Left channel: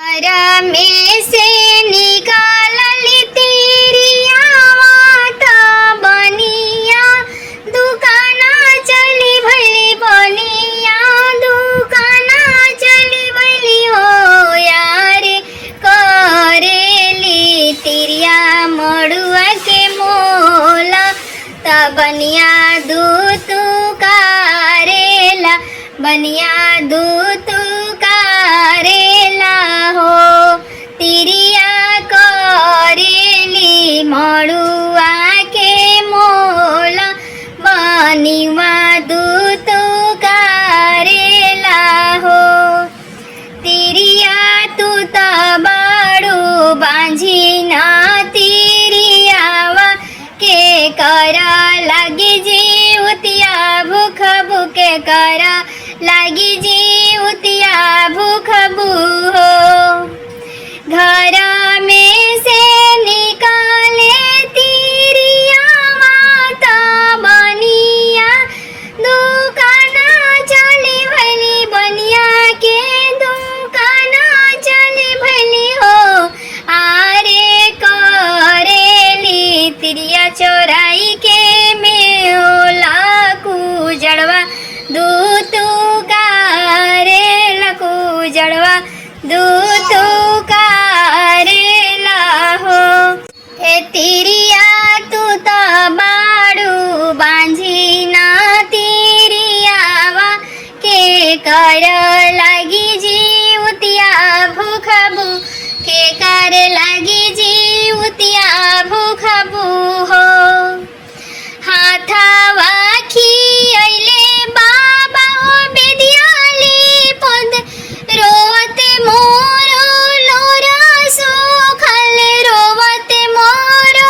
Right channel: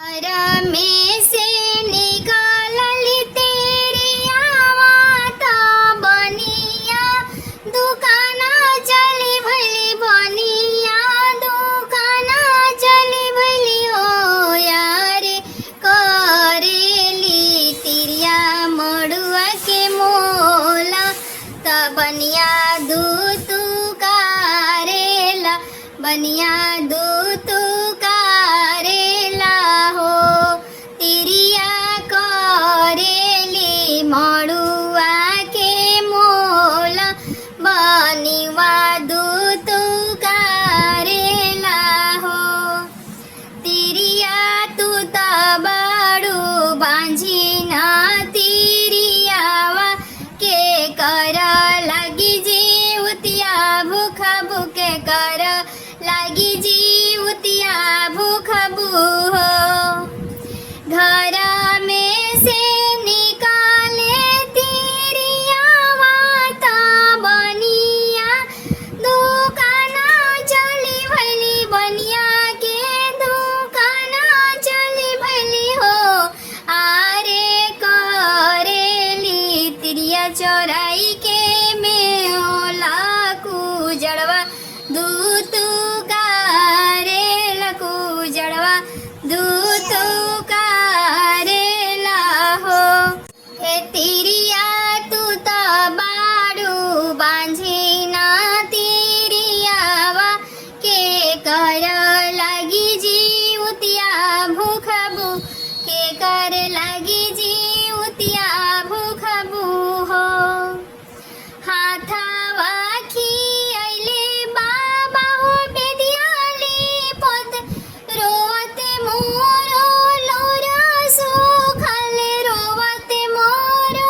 घर में से निकालली तेरिया माता बनिया दुकाना चली भली बनिया दुकाना चली भली हो यार करेली तेरिया मड़ुआ के मोला ता बनिया दूत करेला बनिया दूत करेला हो तिरिया करेली मड़ुआ के मोला बनिवा दूत करेला हो तिरिया तू त बड़ू बांझी ना तिरियावा के कर लगी जीवतिया भूख भूखे कर लगी जीवतिया भूख बूहो घर में से निकाले तिरिया माता बनिया दुकाना चली भली बनिया के दुकाना चली भली हो आरे करेली तिरिया चौराई के मेला कुजड़वा दूत करेला कुजड़वा दूत करेला हो हे तिरिया तू त बाड़ू बांझी ना तिरियावा के कर लगी जीवतिया भूख के कर लगी जीवतिया भूख हो हाथवा खियले बाबा ओ बेदियाली पद रोवते मोरो लोरा सुखल रोवते मोरो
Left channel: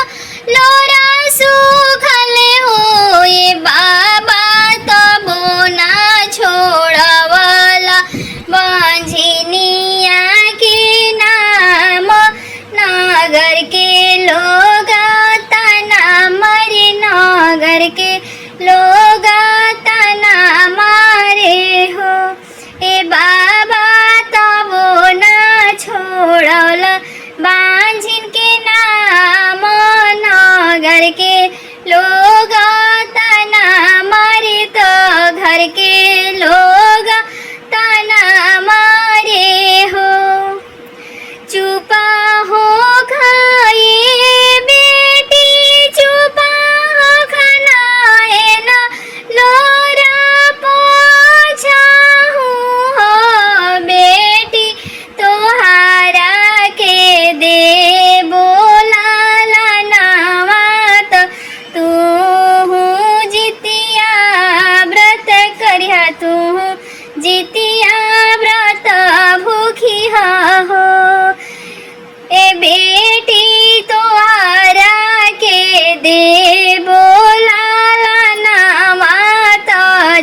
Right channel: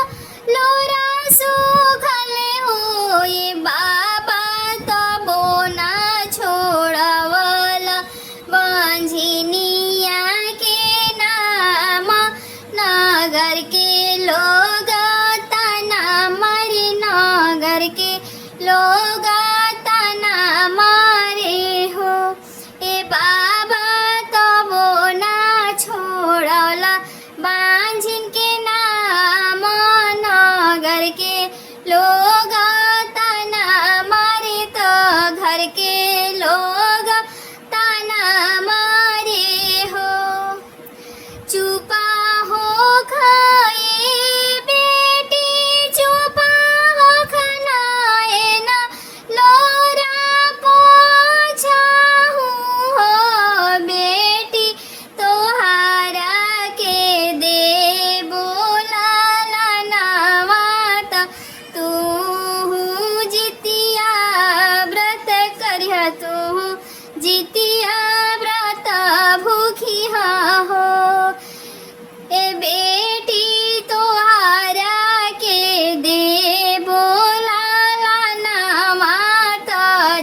लोरा सुखल हो ये बाबा तबो ना छोड़वला बंझिनिया के नाम नगर के लोग तना मरे नगर के लोग तना मारे हो ए बाबा तबो ना छोड़ला बांझिन के नाम नगर के लोग तना मारे तो घर के लोग तना मारे हो चुपा हो खाए बेटी चुपा हो खानाए ना लोरा पोछा हो बेटी तोहारा के दे बोला नावात तू जितिया व्रत करिया तू जितिया व्रत भूखिया हो ए बेटी तोहारा के दे बोला नावात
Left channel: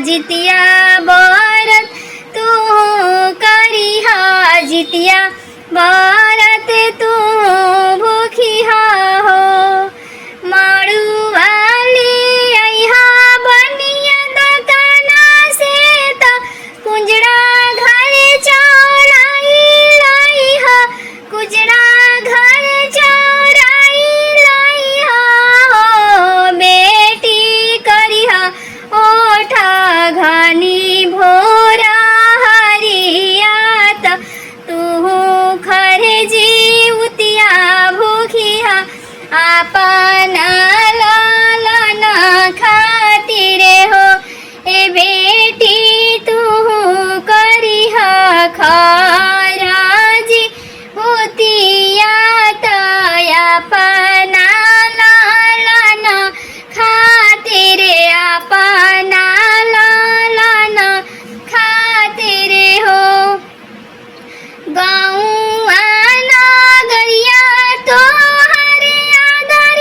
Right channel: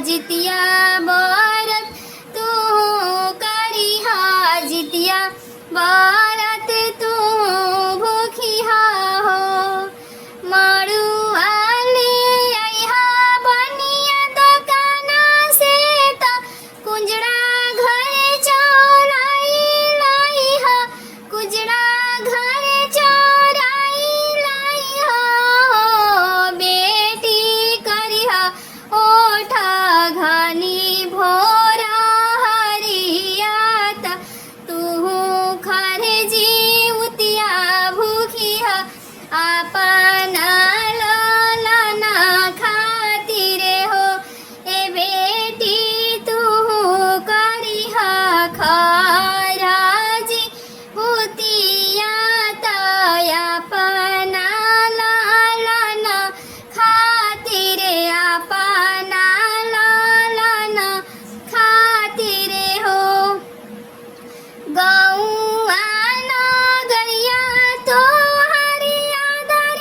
जितिया बरत तू करिहा जितिया बरत तू भूखिया हो माड़ुआली अइहा बनिया दुकाना से त कुंजड़ा घर चौराई लाइहा कुजड़ा घर चौराई लाइहा हो बेटी करिहा ओठा घनी भोरा हरियात तू खरे जीवतिया भूखिया आपना लालना खातिरे हो ए बेटी तू करिहा खाराजी होतिया तया पना लालना खातिरे आपना लालना खातिरे हो गाँव नगरिया तो हरे आदर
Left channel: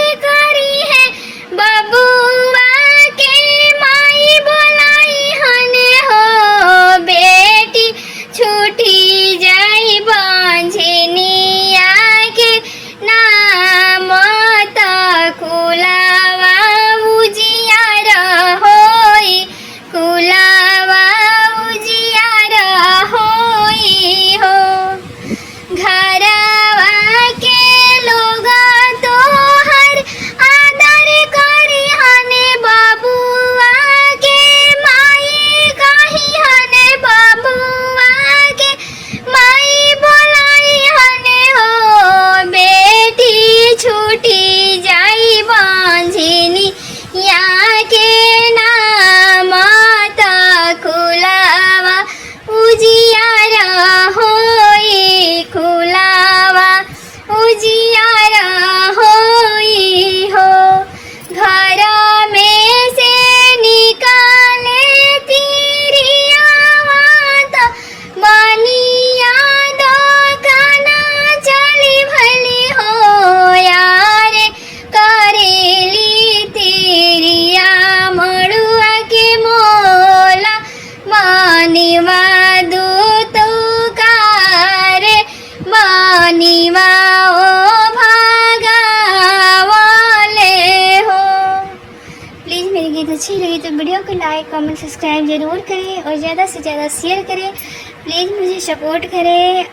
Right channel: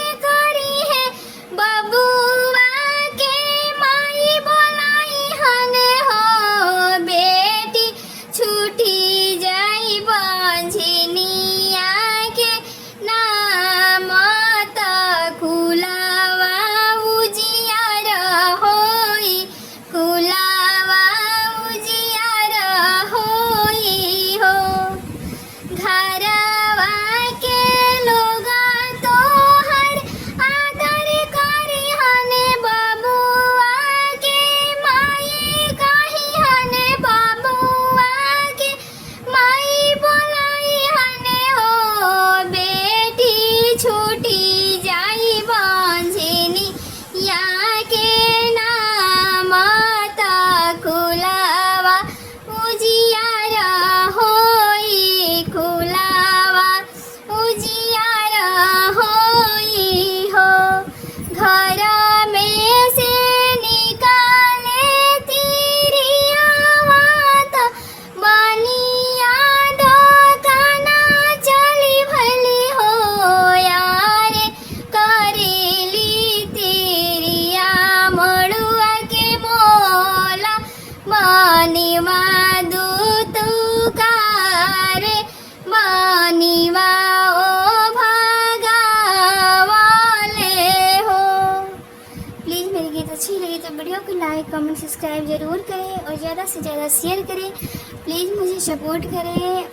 प्लीज़ मेरी गीत अच्छी लगी तो वीडियो को लाइक कमेंट सब्सक्राइब ज़रूर करें और ज़्यादा से ज़्यादा शेयर करें। प्लीज़ मुझे सपोर्ट करें।